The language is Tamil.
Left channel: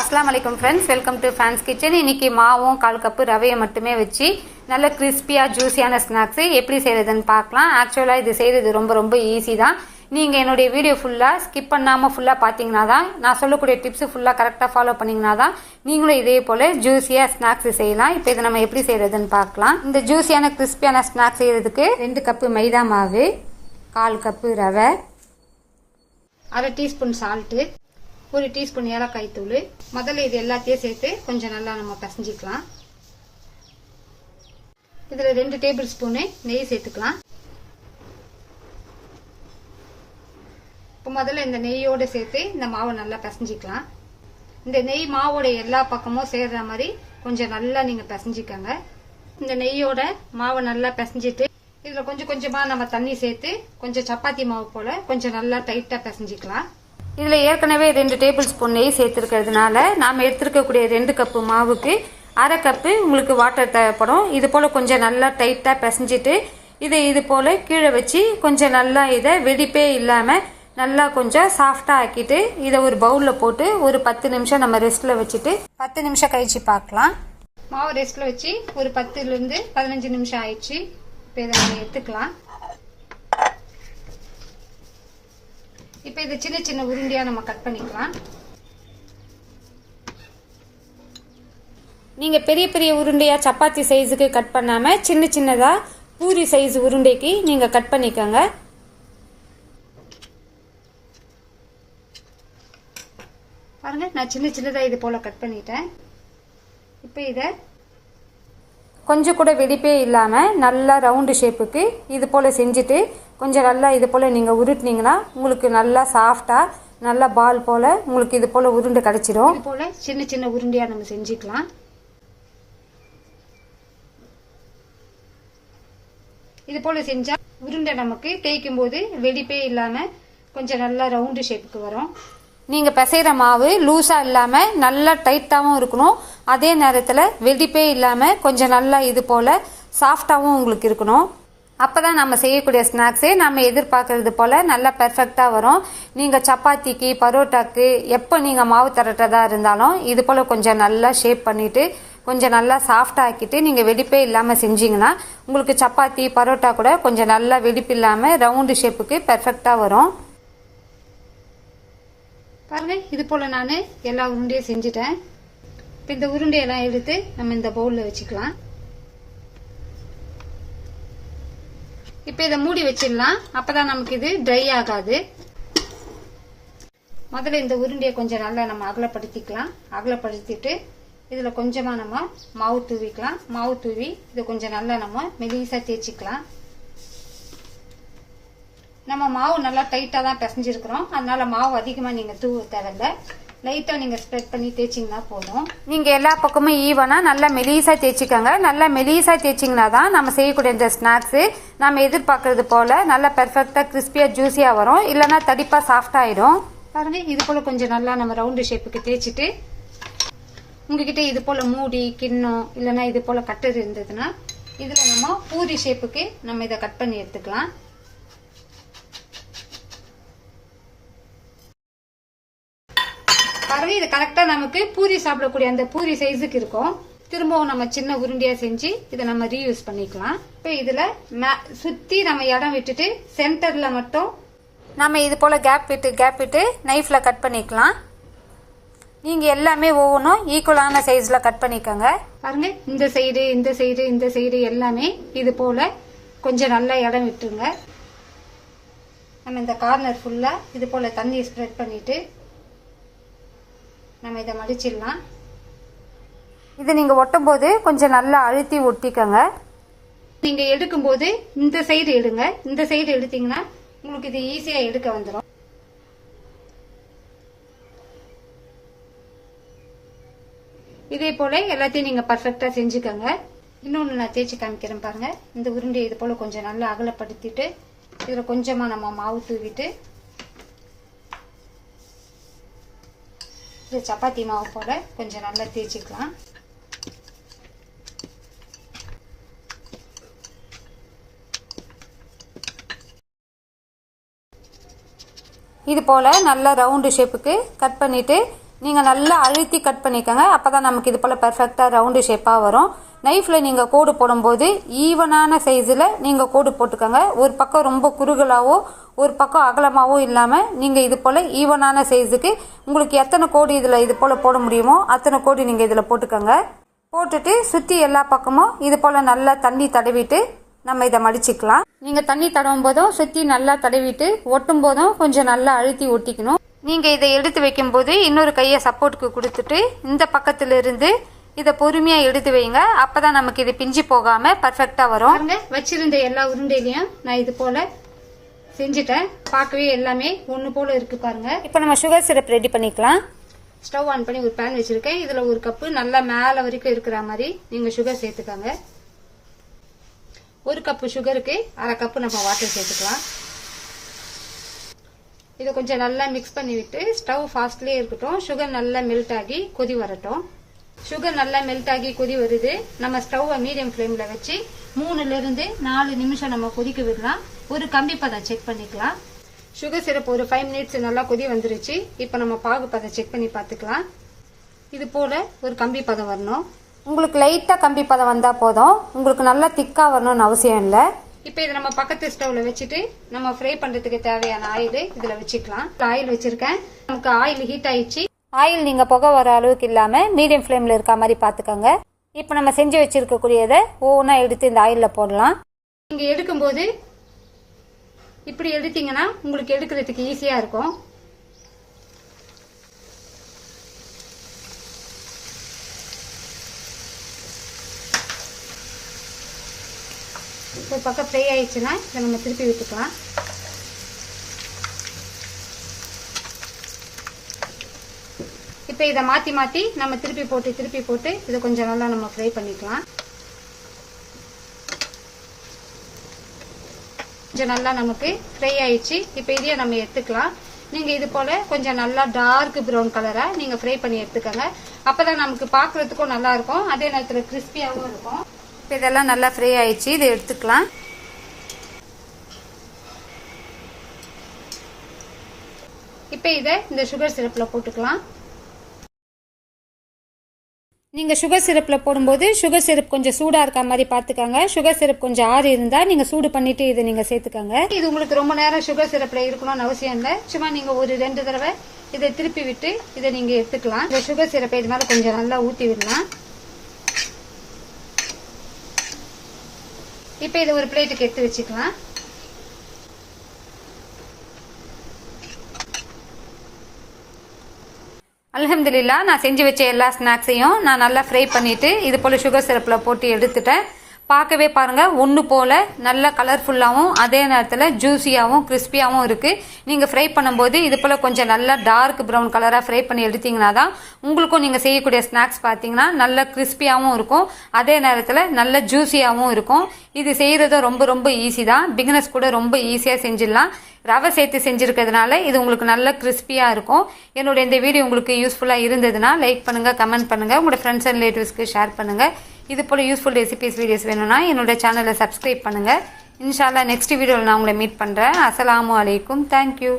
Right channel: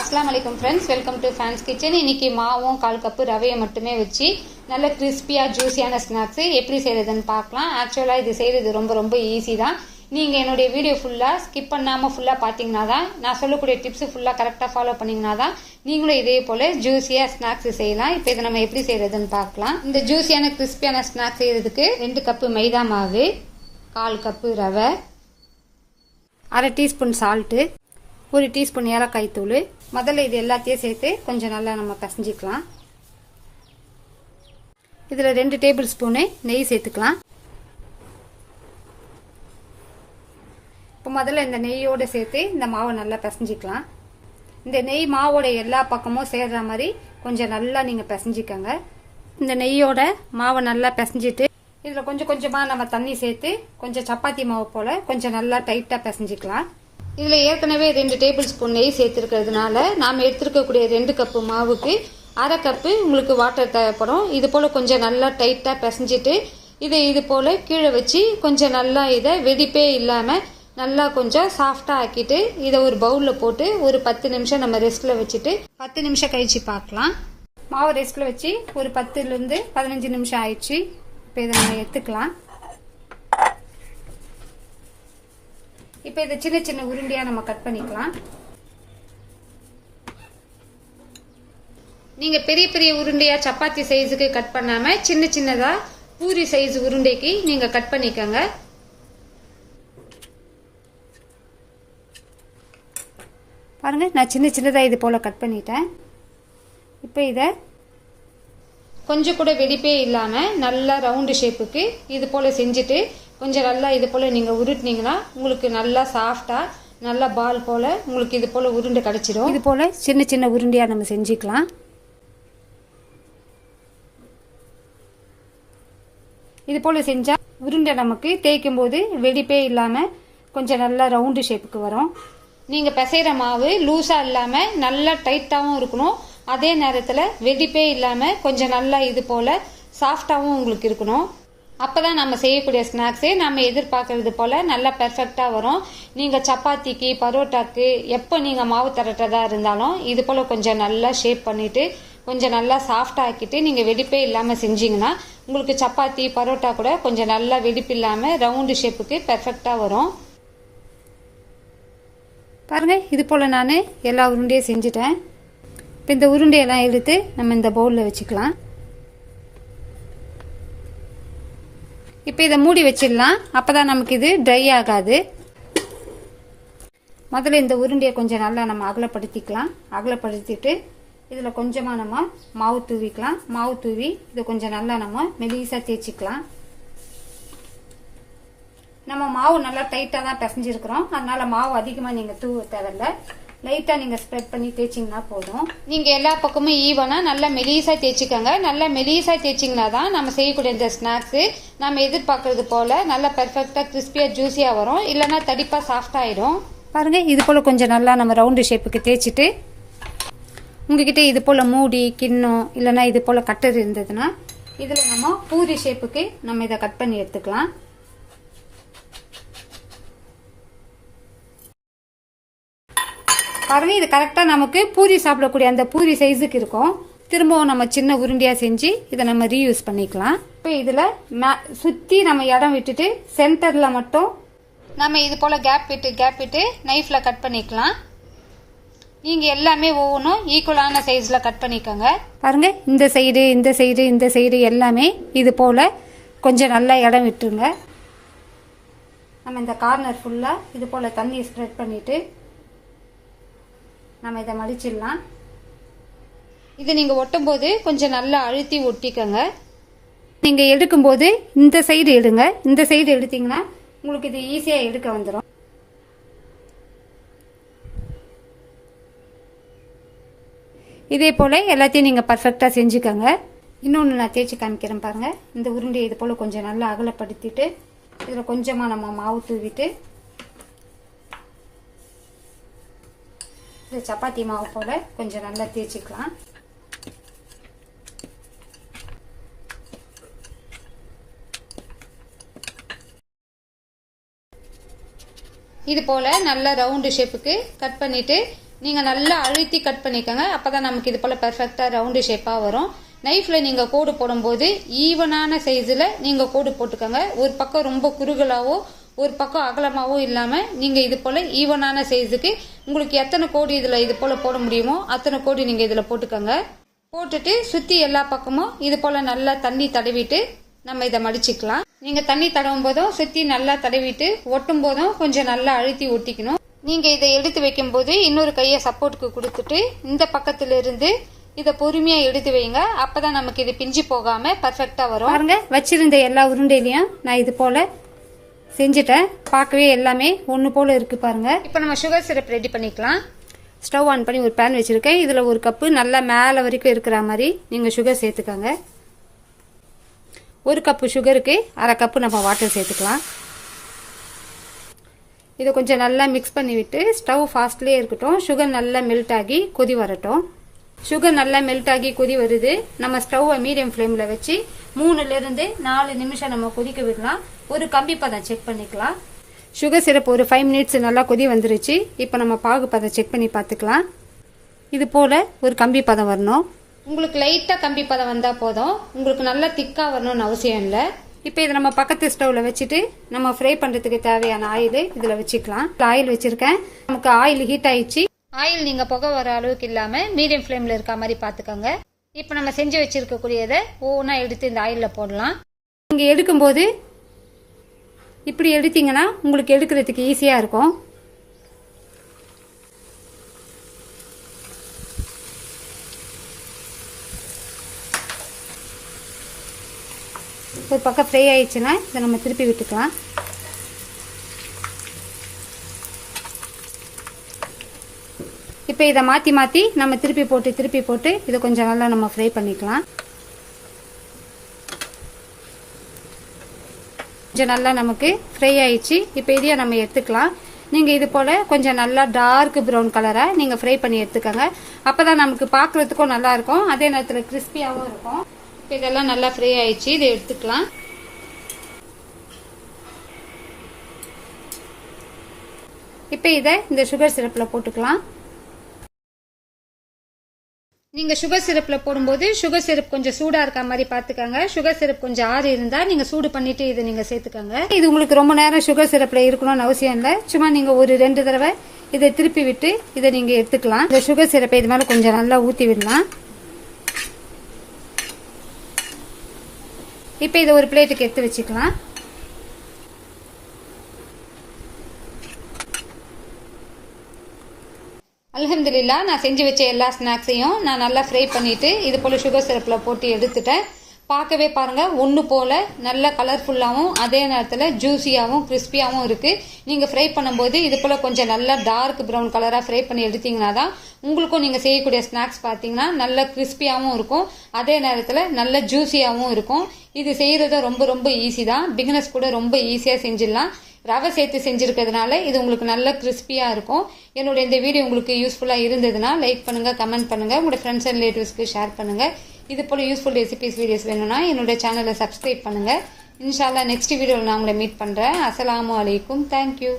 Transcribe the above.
அஸ்லாம் வலைக்கம் friends welcome to fans kitchen இன்னைக்கு மாவும் கால் கப்பு ரவையை மட்டுமே வச்சு நல்ல கிறிஸ்பியாக ஜூஸியான ஸ்நாக்ஸ் எப்படி செய்யறதுன்னு பார்க்கலாம். ஆக்சுவலாக இது செய்யறது ரொம்ப ரொம்ப ஈஸி தான். நீங்கள் என்னுடைய வீடியோ ஃபுல்லாக ஸ்கிப் பண்ணாமல் ஃபுல்லாக பார்த்தீங்கன்னா தான் நான் சொல்லக்கூடிய டிப்ஸ் ஃபுல்லாக கரெக்டாக ஃபாலோ பண்ணிங்கன்னா தான் நீங்களும் இதே போல் ஜூஸியாக ஸ்நாக்ஸ் செய்யலாம். இப்போ இதை நம்ம எப்படி செய்யறதுன்னு பார்க்கலாம். இந்த ஜூஸியான கிறிஸ்பியான ஸ்நாக்ஸ் செய்யறதுக்கு ரெண்டு கப்பு மைதா மாவு கால் கப்பு ரவை அரை டீஸ்பூன் சால்ட்டு ஒரு டீஸ்பூன் ஏலக்காய் தூள். முதல்ல இது எல்லாத்தையும் சேர்த்து கொஞ்சம் நல்லா நம்ம பசஞ்சிக்கலாம். இதில் ரெண்டு டேபிள் ஸ்பூனு நெய் சேர்த்துக்கலாம். இப்போ முதல்ல இந்த நெய்யோடு சேர்த்து இந்த மாவை நல்லா பிசைஞ்சிக்கலாம். இந்த நெய் மாவோட எல்லா பக்கமும் சேர்ற மாதிரி கொஞ்சம் நல்லா நீங்கள் பிசைஞ்சிக்கோங்க. இந்த நெய்யோட மாவை நல்லா பிசைஞ்சிட்டு இதில் கொஞ்சம் கொஞ்சமாக நம்ம தண்ணி சேர்த்து கொஞ்சம் சப்பாத்தி மாவு போல் கொஞ்சம் நல்லா டைட்டாக பிசைஞ்சிக்கலாம். இதில் ஏற்கனவே ரெண்டு டேபிள் ஸ்பூன் நெய் சேர்த்துருக்கிறதுனால நாம் எடுத்துருக்கக்கூடிய ரெண்டு கப்பு மாவுக்கு அரை கப்பு உங்களுக்கு வாட்டர் தேவைப்படும். இது போல் கொஞ்சம் நல்லா டைட்டாக பிசைஞ்சிட்டு இதை இது போல் கீழே வச்சு கொஞ்சம் நல்லா இதை வெடிப்பே இல்லாமல் நல்லா கொஞ்சம் சாஃப்டாக ஆக்கிட்டு இதை ஒரு பவுலில் போட்டு ஒரு பத்து நிமிஷம் நம்ம ரெஸ்ட்டில் வச்சுட்டு பத்து நிமிஷம் கழிச்சு பார்க்கலாம். மாவு ரெஸ்ட்டில் வச்சு ஒரு பத்துலேருந்து பதினஞ்சு நிமிஷம் ஆயிடுச்சு. இப்போ இதை நம்ம எடுத்துக்கலாம். இப்போ இதை சின்ன சின்ன உருண்டையாக நம்ம கட் பண்ணிக்கலாம். நீங்கள் பெரிய பெரிய உருண்டையாக சப்பாத்தி சைஸுக்கு கட் பண்ணாமல் சின்ன சின்னதாக பூரி சைஸ் உருண்டைக்கு நீங்கள் கட் பண்ணிக்கோங்க. பாருங்க நான் சின்ன சின்னதாக இது போல் கட் பண்ணிட்டேன். இப்போ இதை கொஞ்சம் கூட வெடிப்பே இல்லாமல் நல்லா ரவுண்டு ஷேப்புக்கு இது போல் செஞ்சுட்டு கொஞ்சம் நல்லா இது போல் நீங்கள் உருட்டினீங்கன்னா உங்களுக்கு நல்லா சாஃப்டாக நல்லா பால் போல் உங்களுக்கு இது போல் உருண்டை கிடச்சிடும். இது போல் சின்ன சின்ன உருண்டையாக நம்ம செஞ்சுக்கலாம். இது போல் செஞ்சால் உருண்டை நமக்கு தேய்க்கும் போது வெடிப்பே இல்லாமல் கொஞ்சம் நல்லா ரவுண்டு ஷேப்புக்கு வரும். நீங்கள் பிசைகிற மாவு லூஸாக இல்லாமல் நல்லா டைட்டாகவும் இருக்கணும். அதே நேரத்தில் வெடிப்பே இல்லாமல் கொஞ்சம் நல்லா இது போல் சாஃப்டாகவும் உங்களுக்கு இருக்கணும். அப்போ தான் நம்ம செய்யக்கூடிய ஸ்நாக்ஸே நம்ம எதிர்பார்க்கறது போல் நல்லா பெர்ஃபெக்டாக வரும். நீங்கள் சப்பாத்திக்கு பரோட்டாக்கு எப்போ நீங்கள் மாவு தரட்டதா இருந்தாலும் இது போல் கொஞ்சம் நல்லா ஷேப் பண்ணிவிட்டு கொஞ்சம் நல்லா சாஃப்டாக்கிட்டு நீங்கள் வெடிப்பே இல்லாமல் செஞ்சீங்கன்னா உங்களுக்கு சப்பாத்தி பரோட்டா கூட கொஞ்சம் நல்லா வெடிப்பு இல்லாமல் ரவுண்டு ஷேப்புக்கு பெர்ஃபெக்டாக வரும். பாருங்கள் இது போல் நான் எல்லா உருண்டையும் செஞ்சுட்டேன். இப்போ இந்த உருண்டையெல்லாம் எடுத்து நம்ம இந்த பவுலில் வச்சுக்கலாம். இப்போ இதை மூடி வச்சிடலாம். அப்போ தான் நமக்கு இது ட்ரை ஆகாது. முதல்ல இந்த உருண்டையை கொஞ்சம் நல்லா நம்ம அகலப்படுத்திக்கலாம். அகலப்படுத்திட்டு இதில் கொஞ்சமாக நம்ம மாவு தூவிக்கலாம். மாவு தூவி இதை கொஞ்சம் நல்லா நம்ம மெலிசாக தேய்ச்சிக்கலாம். நம்ம மாவு நல்லா டைட்டாக தான் பிசைஞ்சிருக்கிறோம். அதனால மாவு அதிகமாக நீங்கள் தூவ தேவையில்ல. லைட்டாக நீங்கள் ஸ்ப்ரெட் பண்ணி தேய்ச்சிங்கன்னா போதும். நீங்கள் எல்லா பக்கமும் ஈவனாக நல்லா மெலீஸாக தேய்ச்சிக்கோங்க. நல்லா மெலீஸாக தேய்ச்சிங்கன்னா தான் நம்ம செய்யக்கூடிய இந்த ஸ்நாக்ஸு நம்ம எதிர்பார்க்கறது போல் நல்லா பெர்ஃபெக்டாக கிறிஸ்பியாக ஜூஸியாக வரும். இல்லைன்னா தடிப்பாக சாஃப்டாகிடும் பாருங்கள் இது போல் கொஞ்சம் நல்லா நம்ம ரவுண்டு ஷேப்புக்கு தேய்ச்சிட்டு உங்ககிட்ட இது போல் மூடி கிண்ணம் இல்லைன்னா இது போல் கட்டர் இருந்ததுன்னா இதில் நம்ம பூரி ஷேப்புக்கு நம்ம இதை கட் பண்ணி எடுத்துக்கலாம். பாருங்க இது கரெக்டாக நமக்கு பூரி சாப்பிடக்கூடிய அந்த பூரி சைஸுக்கு இருக்கும். திரும்பவும் நம்ம சின்ன உருண்டையாக செஞ்சு இதை நம்ம ரீயூஸ் பண்ணிக்கலாம். இப்போ இதில் சுற்றி நம்ம இடம் விட்டுட்டு சென்டரில் மட்டும் நம்ம இது போல் கேப் விட்டு கேப் விட்டு நைஃப்பில் கட் பண்ணிக்கலாம். நீங்கள் எல்லாமே ஒவ்வொன்றும் ஈக்குவலான சைஸில் கட் பண்ணிக்கோங்க. பாருங்க இந்த சைடு இந்த சைடு இந்த சைடு எல்லாமே இது போல் கொஞ்சம் நல்லா இடம் விட்டுருங்க. நம்ம இந்த கார்னர் ஃபுல்லாக இது போல் தண்ணியை ஸ்ப்ரெட் பண்ணிவிட்டு நம்ம இதை மடிச்சிடலாம். இது நீங்கள் ஒட்டும்போது கொஞ்சம் நல்லா அழுத்தி ஒட்டிக்கோங்க. நீங்கள் எடுக்கும்போது இந்த சைடு எடுங்க. இந்த சைடு எடுத்தீங்கன்னா உங்களுக்கு இது ஈஸியாக எடுக்க வந்துடும் இதே போல் எல்லாத்தையும் நீங்கள் பர்ஃபெக்டாக செஞ்சுக்கோங்க. இன்னொன்று நான் தேய்ச்சி காமிக்கிறேன் பாருங்கள் இந்த உருண்டையை இது போல் கொஞ்சம் நல்லா அகலப்படுத்திட்டு இதில் கொஞ்சமாக நம்ம மாவு தூவிட்டு இது சப்பாத்தி மாவு போல் கொஞ்சம் நல்லா தேய்ச்சிக்கலாம். இது போல் நல்லா ரவுண்டு ஷேப்புக்கு கட் பண்ணிவிட்டு நீங்கள் நல்லா அழுத்தி கட் பண்ணிக்கோங்க. அப்போ தான் நமக்கு இது போல் பர்ஃபெக்டாக ரவுண்டு ஷேப்பாக வரும். நைஃப்பில் நீங்கள் கோடு போடும்போது ஈவனான சைஸில் நீங்கள் கோடு போட்டுக்கோங்க. ஒரு பக்கம் ரொம்ப குறுகலாவோ ஒரு பக்கம் அகலமாகவும் இல்லாமல் நீங்கள் இது போல் ஈவனான சைஸுக்கு உங்களுக்கு எத்தனை கோடி இதில் இது போல் போட முடியுமோ அத்தனை கோடி நீங்கள் இதில் போட்டுக்கோங்க. போட்டுட்டு சுற்றி எல்லா பக்கமும் இது போல் நல்லா தண்ணி தடவிட்டு நம்ம இதை மடிச்சுக்கலாம். நீங்கள் தண்ணி தடவும் போதும் சுற்றி நல்லா தடவிட்டு ஒட்டும் போதும் கொஞ்சம் நல்லா அழுத்தி ஒட்டிக்கணும் நீங்கள் இதை எடுத்து வைக்கும்போது இன்னொரு கையை சப்போர்ட்டுக்கு கொடுத்துட்டு இந்த பக்கத்திலிருந்து இதை பொறுமையாக எடுத்து வைங்க. அப்போ தான் நமக்கு இது பிஞ்சு போகாமல் பர்ஃபெக்டாக வரும். பாருங்க வச்சிருந்த எல்லா உருண்டையிலையும் நான் இது போல் செஞ்சுட்டேன். பார்க்கவே எல்லாமே ஒன்று போல் இருக்குது பாருங்கள் இப்போ நம்ம சுகர் சிரப் ரெடி பண்ணிக்கலாம். ஸ்டவ் ஆன் பண்ணி ஒரு பேன் வச்சுருக்கேன். இதில் ஒரு கப்பு நல்லா மேலே வரைக்கும் இருக்கிற மாதிரி நீங்கள் சுகர் சேர்த்துக்கோங்க. ஒரு கப்பு சுகருக்கு அரை கப்பு நம்ம வாட்டர் சேர்த்துக்கலாம். இதை கொஞ்சம் நல்லா மிக்ஸ் பண்ணி விட்டு ஸ்டவ் ஃபாஸ்ட்லேயே இருக்கட்டும். சுகர் நல்லா மெல்ட் ஆகி கொதி வரட்டும். சுகர் நல்லா மெல்ட் ஆகி கொதி வருது. நம்ம ஸ்டவ்வை மீடியம் ஃப்ளேமில் வச்சு மூணுலேருந்து நாலு நிமிஷம் நம்ம கொதிக்க விடலாம். ஒரு கம்பி பதம் செக் பண்ணிக்கலாம். சுகர் சிரப் ஒரு ஃபைவ் மினிட்ஸ் நல்லா கொதி வந்துருச்சு. இப்போ நம்ம பாகு பதம் செக் பண்ணி பார்த்துக்கலாம். இது போல ஒரு கம்பி பதம் வரணும். உங்களுக்கு லைட்டாக கம்பி பதம் வந்தால் போதும். உங்களுக்கு நல்லா திக்காக வரணும்னு அவசியம் இல்லை. இப்போ இதை நம்ம பக்கத்து ஸ்டவ்வில் வச்சுட்டு நம்ம ஃப்ரை பண்ணுறதுக்கு தேவையான ஆயில் இதில் வச்சுக்கலாம். ஆயில் வச்சுருக்கேன். நமக்கு ஆயில் ஹீட் ஆயிடுச்சு. ஆயில் நீங்கள் புகை வர அளவுக்கு இல்லாமல் மீடியம் ஃப்ளேமில் இருக்க மாதிரி பார்த்துக்கோங்க. இப்போ நம்ம செஞ்சு வச்சுருக்கக்கூடியதை ஒவ்வொன்றா எடுத்து இந்த ஆயிலில் போடலாம். நீங்கள் எடுக்கும்போது இப்படி எடுத்தீங்கன்னா உங்களுக்கு எடுக்கிறதுக்கு ஈஸியாக இருக்கும். ஒரு பக்கம் ஃப்ரை ஆயிடுச்சுன்னா இதை நம்ம திருப்பி விட்டுக்கலாம். இப்போ இதை மாற்றி மாற்றி நம்ம திருப்பி போட்டு திருப்பி போட்டு இதை கொஞ்சம் நல்லா நம்ம ஃப்ரை பண்ணிக்கலாம். கொஞ்சம் நல்லா நமக்கு ஃப்ரை ஆயிடுச்சு. இப்போ இதையும் நம்ம எடுத்துக்கலாம். நீங்கள் இது போல் கொஞ்சம் நல்லா டார்க் ப்ரௌன் கலரை நீங்கள் ஃப்ரை பண்ணி எடுத்துக்கோங்க. அப்போ தான் நமக்கு பார்க்குறதுக்கும் நல்லாயிருக்கும் அதே நேரத்தில் கிறிஸ்பியாகவும் இருக்கும். இப்போ இதெல்லாம் நல்லா ஃப்ரை ஆயிடுச்சு. இதை எடுத்துக்கலாம். இப்போ இதை இந்த சுகர் சிரப்பில் போட்டுக்கலாம். நீங்கள் சுகர் சிரப்பில் போடும்போது சுகர் சிரப் கொஞ்சம் சூடாக இருக்க மாதிரி பார்த்துக்கோங்க. சுகர் சிரப் கொஞ்சம் ஆறு இருந்தால் நீங்கள் சூடு பண்ணிவிட்டு இதை நீங்கள் சேர்த்துக்கோங்க. இது உங்களுக்கு ரொம்ப நேரம் சுகர் சிரப்பில் இருக்கணும்னு அவசியம் இல்லை. சும்மா நீங்கள் ஒரு ரெண்டு தடவை இதை திருப்பி விட்டு இதை நீங்கள் எடுத்துக்கலாம். இந்த சுகர் சிரப்பை இது மேலே கொஞ்சம் நல்லா ஊற்றி விடலாம். இப்போ இதை ஒரு பிளேட்டுக்கு எடுத்து வச்சுக்கலாம். அலமதுல்லா நான் செஞ்சு வச்ச எல்லா ஸ்நாக்ஸையும் நான் நல்லா ஃப்ரை பண்ணிட்டு இது போல் சுகர் சிரப்பில் போட்டு எடுத்துட்டேன். பார்க்கவே பாருங்க ஒன்று போல நல்ல கலர்ஃபுல்லாகவும் அதே நேரத்தில் ஜூஸியாகவும் கிறிஸ்பியாகவும் இருக்கு. நீங்கள் ஃப்ரை பண்ணும்போது இது போல் கொஞ்சம் நல்லா டார்க் ப்ரௌன் கலராக ஃப்ரை பண்ணி எடுத்தீங்கன்னா தான் உங்களுக்கும் நீங்கள் செய்யக்கூடிய ஸ்நாக்ஸ் பார்த்தீங்கன்னா நல்ல கிறிஸ்பியாகவும் இருக்கும். அதே நேரத்தில் நல்ல ஜூஸியாகவும் இருக்கும். இது செய்கிறது ரொம்ப ரொம்ப ஈஸி தான். பிகினஸ் கூட ரொம்ப ஈஸியாக செஞ்சிடலாம். ரவை சேர்த்து செஞ்சுருக்கிறதுனால இது உங்களுக்கு நல்ல கிறிஸ்பியாக இருக்கும். என்னோட இந்த வீடியோ உங்களுக்கு யூஸ்ஃபுல்லாக இருந்ததுன்னா லைக் பண்ணுங்கள் கமெண்ட் பண்ணுங்கள் உங்களோட ஃப்ரெண்ட்ஸ் அண்ட் ரிலேட்டிவ்ஸ்க்கு ஷேர் பண்ணுங்கள் இது போல் யூஸ்ஃபுல் ரெசிபிஸ் வீடியோஸ் வேணும்னா என்னோட சேனலை சப்ஸ்கிரைப் பண்ணுங்கள் இன்ஷால்லா நெக்ஸ்ட் வீடியோவில் நான் உங்களை மீட் பண்ணுறேன் அஸ்லாம் அலைக்கும். தேங்க்யூ